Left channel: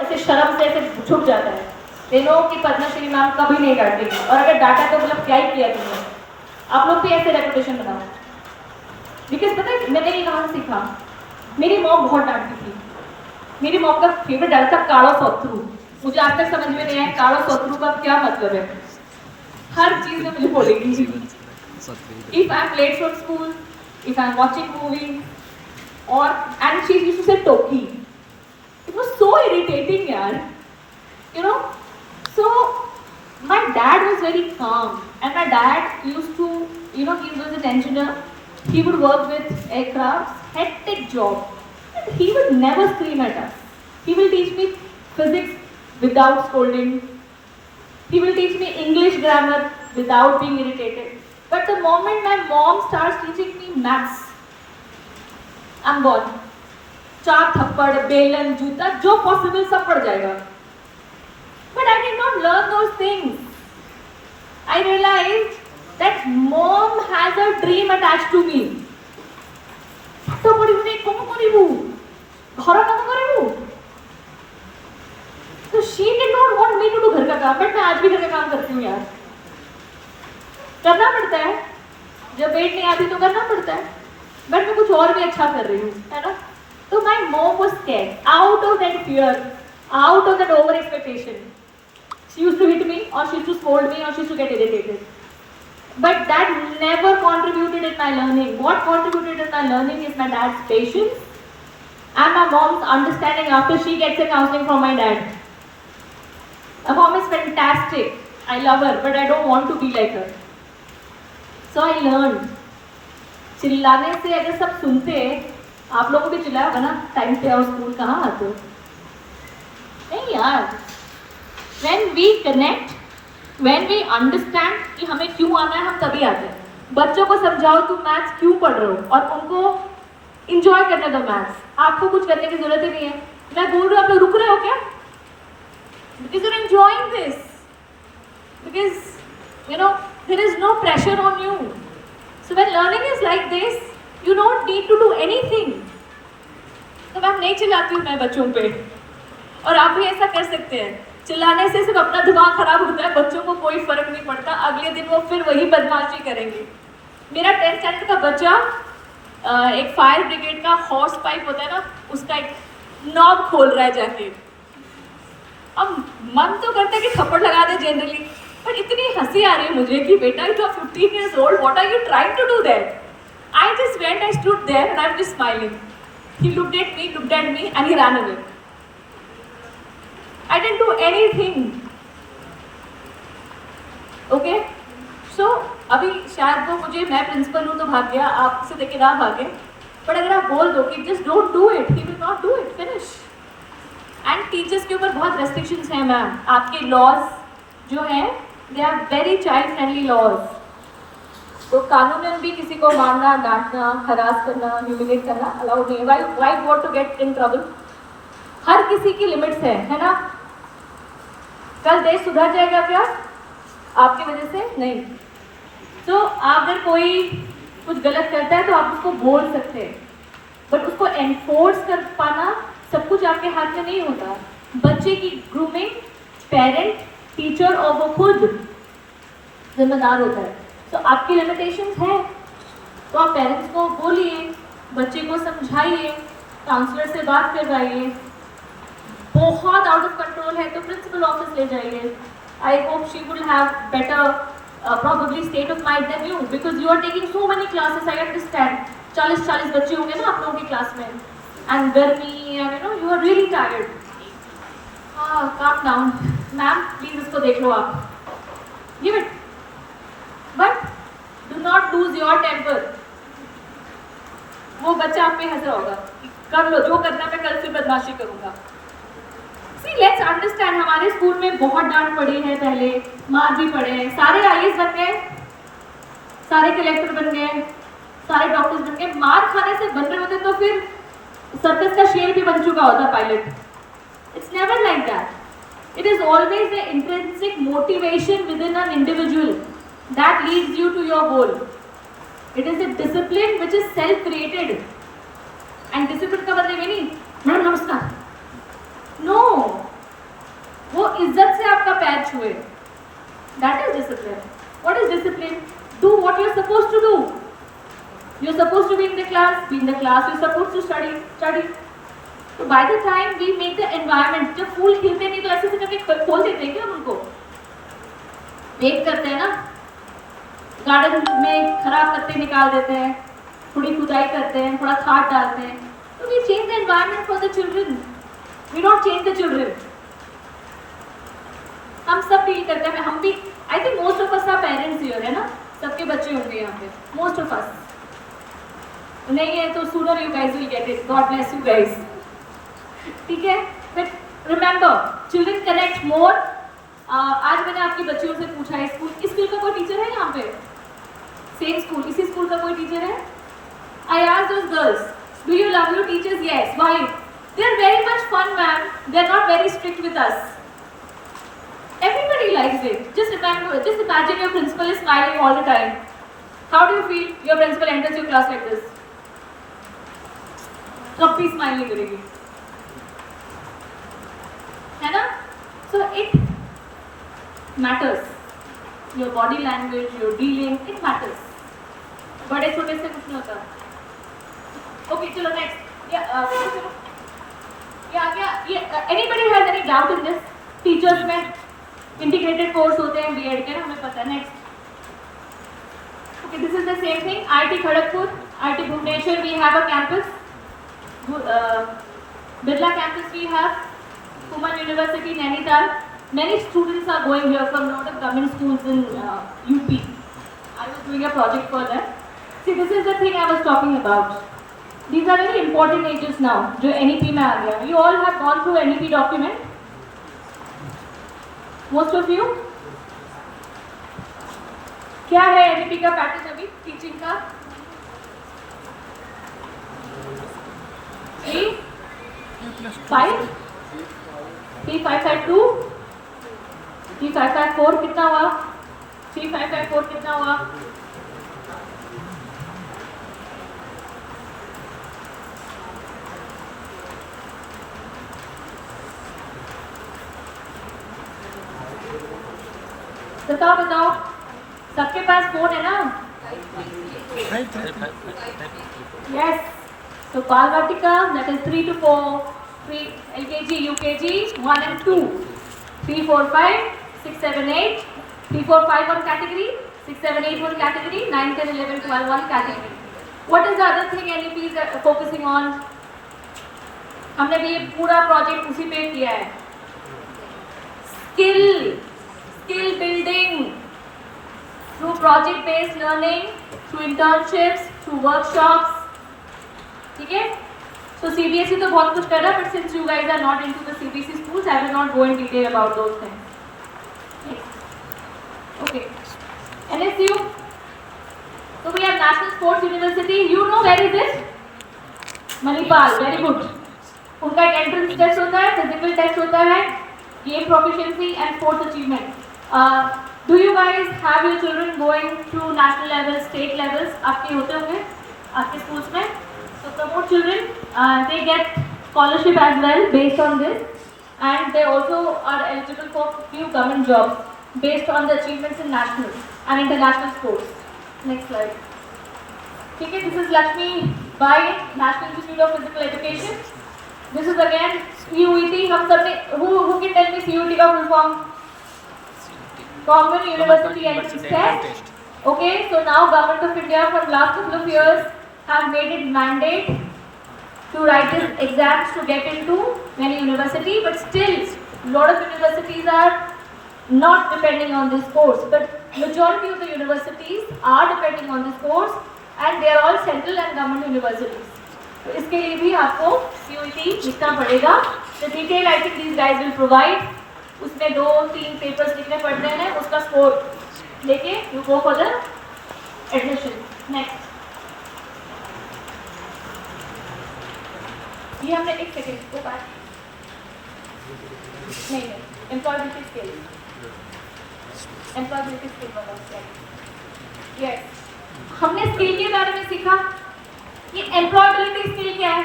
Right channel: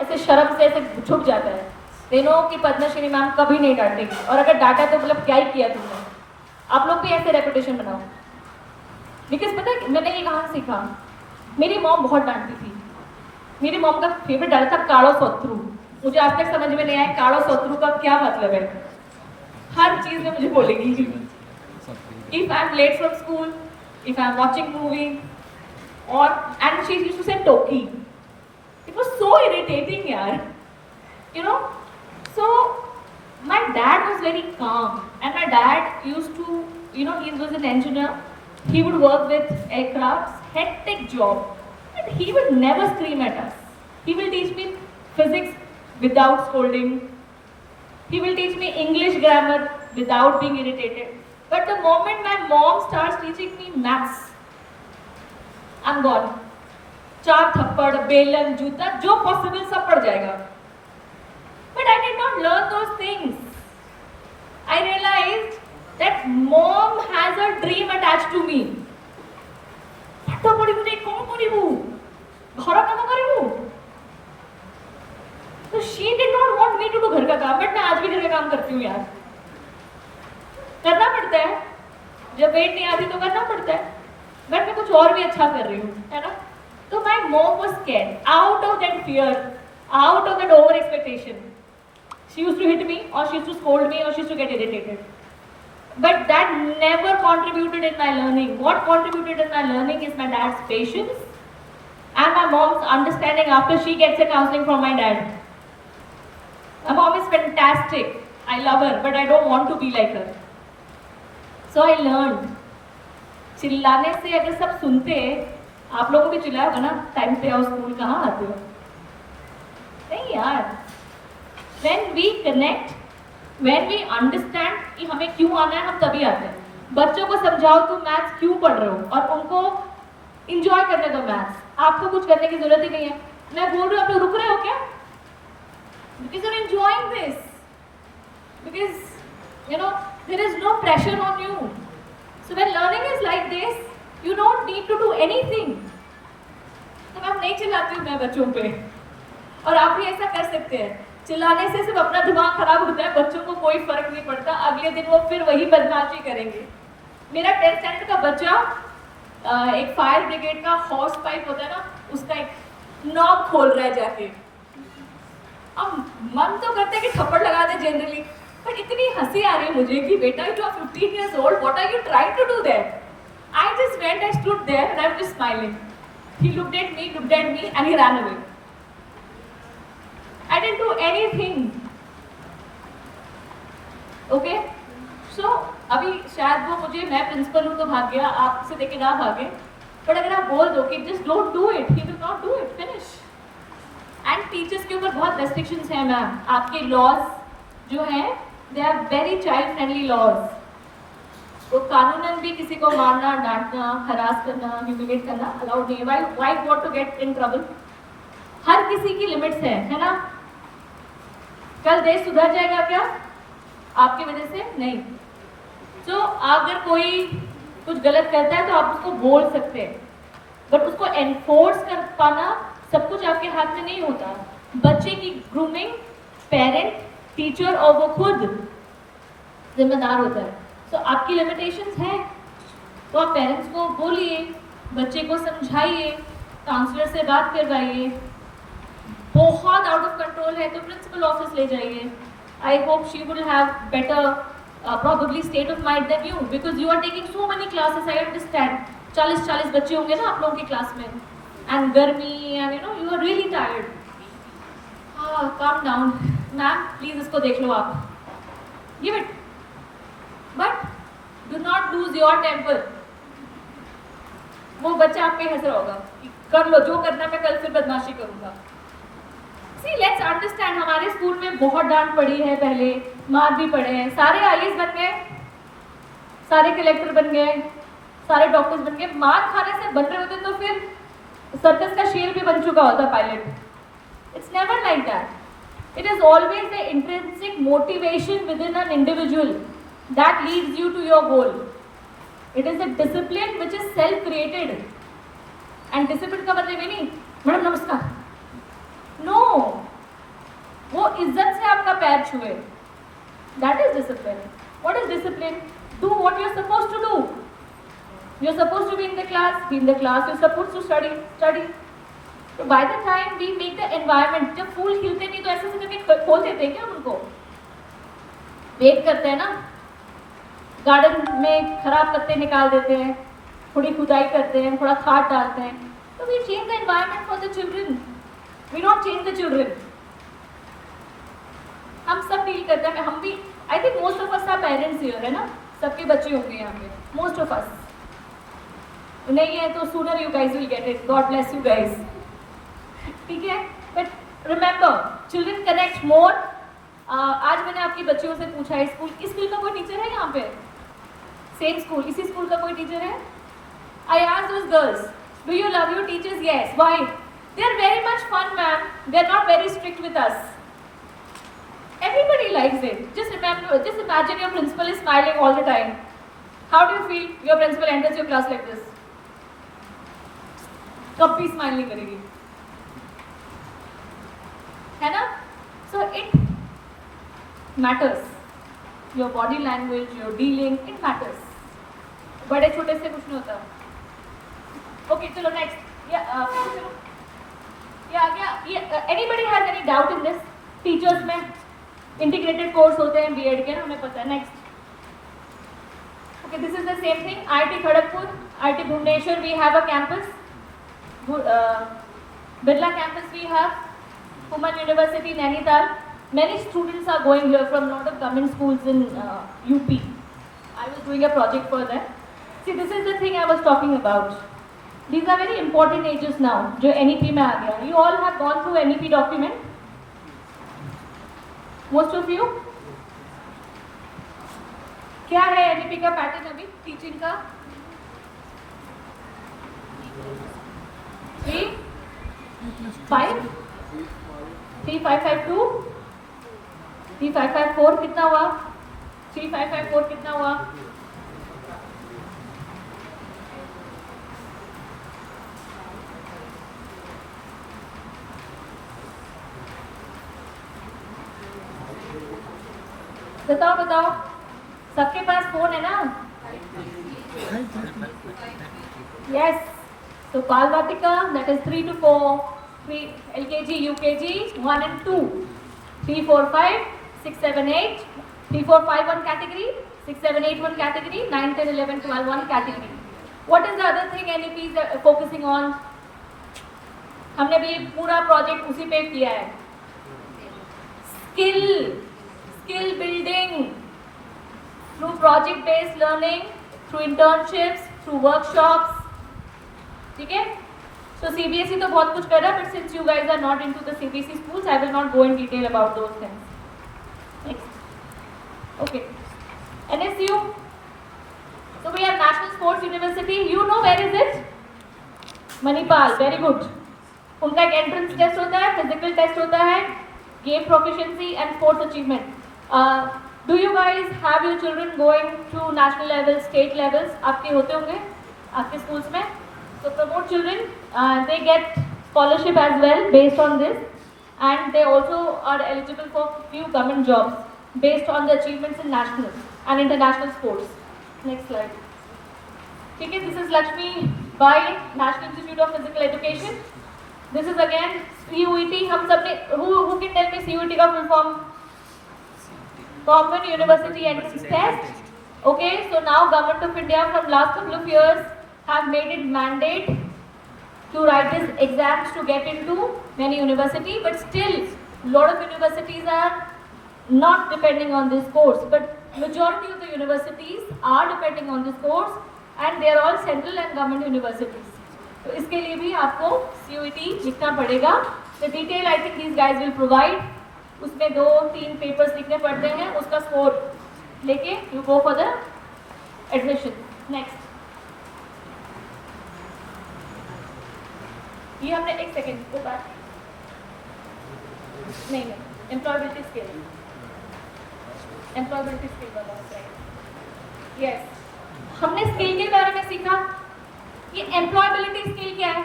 ऐसे शर्म से ऐसे छुप जाता है। दे नो कि पद्मश्री मैम कभी नहीं डांटी, और अगर डांटा तो मतलब क्या ही किया तुमने। आप लोग भी ऐसे रेपुटेशन बनाओ। बिकॉज पता है मैंने ये कहाँ सीखा, मेरी मॉम बहुत डांटती थी। मेरी मॉम का फेवरेट डाल था काड़ो सोथरू। मुझे आज तक समझ में नहीं आया काड़ो सोथरू का क्या मतलब है। हर चीज में मुझे बोलेगी। If I am late from school, if I am watching movie, और and she used to say टोकी। इट वाज सो इरिटेटिंग यार, you know. So my dad was very calm, and my dad used to, you know, he was an engineer. He would work with aircrafts, hectic job, and he would never scream at us. He will teach me physics without scolding. He will teach me English grammar without being irritated. But the moment my mom starts teaching me maths, I'm gone. चार थप्पड़, बेलन, जूता, जो possible सब पड़ जाएगा। But I did not learn those things. I realized that mom has a dream attached to me. तो बड़ी मुझे कौन करीबू, घर का तो करीबू। तो she did not want me to do घर का काम, but मैं आज भी घर का काम करती हूँ यार। करना पड़ता है, जब पेट नहीं आती तो करना पड़ता है, बट मैं कुछ और भी अच्छा कर रही हूँ, है ना। तो my mom was scared, out of that fear, out of that over expectation. She used to hit me, or she used to scold me, or she used to get irritated. But that never contributed in my learning. What contributed in my learning is my dad's patience and my mom's understanding after she gets a counseling from my dad. My mom is fantastic. I love her, but I don't want to be like her. So I learned. चिल्लाने से अगर सब सुनते, आप लोगों को भी चिल्लाया बना टाइम पे आओ स्कूल, कहाँ आते हो? नहीं यार। When we connect, when we understand कि हमें क्यों आना है, हम तभी आते हैं। बच्चों को समझाओ तुम मैथ्स क्यों पढ़ रहे हो, और उनको इंजॉय करने दो मैथ्स। आपको कुछ करने की जरूरत ही नहीं है। मैं बोल रही हूँ, आप लोग रुक रहे हो क्या? Because you're enjoying this. Because you know there is no pressure on you. So when learning is like this, you don't need to do anything. तो मैं नहीं चिल्लाती हूँ मैं बच्चों पे, और आप भी ऐसा कर सकते हैं। चिल्लाने से सिर्फ अपना दिमाग खराब होता है, बच्चों को कोई फर्क नहीं पड़ता। अगले दिन वो फिर वही बदमाशी करेंगे। मेरा 10th स्टैंडर्ड का बच्चा एक फायर ब्रिगेड का हॉर्स पाइप होता है ना, उसका एक नॉब खोल रहा है जाके। अब मन तो करता है कि थप्पड़ लगा दे जनरली, पर इतनी हंसी आ रही है मुझे कि बेटा you are 15 years old, what are you trying to do there? I just went, I stood there and I'm just smiling. He looked at me and he ran away. I didn't do anything. Okay? So अभी शायद वो मुझे, मैं principal हूँ तो भाग गया, आपसे देखे ना भागे। बट अगर आप बोल दो कि just don't do it, he will not do it. Finish. And teachers के ऊपर बहुत restrictions हैं मैम। आपके laws जो हैं, they are very child friendly laws. तो कानूनन भी किसी को मारना, डांटना, हरास करना, ह्यूमिलेट करना अलाउड नहीं है। Why want to get in trouble? हर किसी की लिमिट्स है ना। कल देश सुधर जाएगा क्या आपकी वजह से? नहीं। तो अगर कोई कुछ गलत करता है तो आप उसको बोल सकते हैं, बट उसको एनफोर्स कर पाना सब कुछ आपके हाथ में नहीं होता। बच्चे की ग्रूमिंग पेरेंट, टीचर और वो खुद जिम्मेदार होता है। तो आपकी लिमिटेशंस है, तो आप पेरेंट्स को बोलिए, बच्चे को समझाइए, काउंसलर से बात करवाइए। बहुत आउट ऑफ कंट्रोल है तो प्रिंसिपल ऑफिस ले जाइए। I hope she will have better probably state of mind than you, because you are taking so many classes. I understand 40 बच्चे होंगे ना आप लोगों की क्लास में, and गर्मी, and you know you are really tired. Calm down, ma'am please इसको देख लो आप, give it, but do not lose your temper. वो बच्चा आप पे हंस रहा होगा, कर लो जो करना, मैं कल फिर बदमाशी करूंगा। See, let's understand, हमारे स्कूल में बहुत डांट पड़ी है, पहले मार भी पड़े हैं। सारे IAS बन गए, सारे कलेक्टर बन गए, सारे डॉक्टर्स बन गए। मार खाने से बन रहे होते तो फिर सर्कस का शेर भी बन चुका होता pilot. It's never like that. It is always the intrinsic motivation within an individual that leads you to your goal. It is a discipline which is self-created. And discipline का मतलब ये नहीं, मैडम नमस्कार, No, इज्जत से आपका पैर छुए, that is discipline. What is discipline? Do what you are supposed to do. You are supposed to be in the class, be in the class. You are supposed to study, study. तो by the time we make the environment, जब फूल खिलते नहीं तो ऐसे से करके खोल देते हैं क्या हम उनको? वेट करते हैं ना, गार्डन में खराब पत्ते निकाल देते हैं, थोड़ी खुदाई करते हैं, थोड़ा खाद डालते हैं. तो we change the environment for the children, we don't change the children. हम सब डील करते हैं, हम भी. I think most of us are parents here, है ना? सबके बच्चे होंगे यहाँ पे, मोस्ट ऑफ अस. नहीं है तो sooner you guys will get it. God bless you guys. ठीक है, बट रिमेंबर चिल्ड्रन कनेक्ट मोर. आज मैंने आपकी बच्चियों से पूछा है, स्कूल, इस स्कूल का कोई टीचर है यहाँ पे? सेम स्कूल, इसी स्कूल का कोई टीचर है? I asked those girls, do you love your teachers? Yes. Why? They are very much fun ma'am, they are not very strict with us. Everybody likes it. Just remember, just imagine your principal is smiling all the time. How do you feel? Your principal enters your class like this. कब भी smile नहीं करेगी, है ना? So it matters. Your body language, your dealing, it matters. बड़े छोटे से कुछ नहीं होता. Okay, चलो next. चलो. Anybody has any doubt in this? Teachers में इंटीग्रेटेड कोर्स होते हैं बीएड के, हमें पता है. Next. Okay, this is the same thing. IIT Kharagpur, IIT Bhubaneswar, we have a campus. Birla campus we have. Kumaun university Nainital. Many students are going here from lot of government schools in UP. I was doing a project for them. See, this is the thing I was talking about. These are very important ages now, जो NEP में आ गया. You all have gone through NEP document. Most of you. क्या है NEP का pattern अभी teaching का? 3, 5, 3552, 3554 कितना हुआ? 3554 कितना हुआ? बताओ बताओ, सबके पास फोन है ना? यस. So बाल वाटिका, that is 3 to 4, 3 LKG, UKG, 1 and 2, 3, 4, 5, 6, 7, 8, 3, 4, 5 one category, 6, 7, 8 one category, 9, 10, 11, 12 one category. What is the other thing NEP is focusing on? हमने भी ये पूरा प्रोजेक्ट उसी पे किया है. Skill building through project based learning, through internships, through workshops. ठीक है? So CBSE तो बहुत कुछ कर रहा है, but since you guys are not into the CBSE schools, I will not go in detail about those things. Next. Okay. NSU. So we have National Sports University. You know where is it? Manipal. Very good. उनका एक entrance test होता है, physical test होता है, game proficiency and sports achievement. Do you guys have your children going to national levels, state levels? आपके होते होंगे आपके schools में. So promote children. They get scholarship as well based on this, and they also are eligible for few government jobs based on the achievements in national and international sports. Next slide. ठीक है, this is Lakshmi Bai, National Institute of Physical Education. This is again CUET. हम सब ने who can tell me CUET का full form? Common University Entrance Test. Okay, so now Government of India from last couple of years have made it mandate to write these exams to get into many university, but still lot of universities are not depending on this course, but majority of the universities are depending on this course, and they are all central and government universities. तो इसके लिए भी आपको CUET लिखना पड़ेगा. The detail I think these guys will provide. उसमें 2-3 papers लिखने पड़ते हैं, उसका स्कोर लेके you go for the admission. Next. ये हमने एक सेकेंड को बात नहीं एम्प्लॉयबिलिटी स्किल वाला स्लाइड. यस, हमने स्किल के बारे में सीखा. ये एम्प्लॉयबिलिटी स्किल क्या है?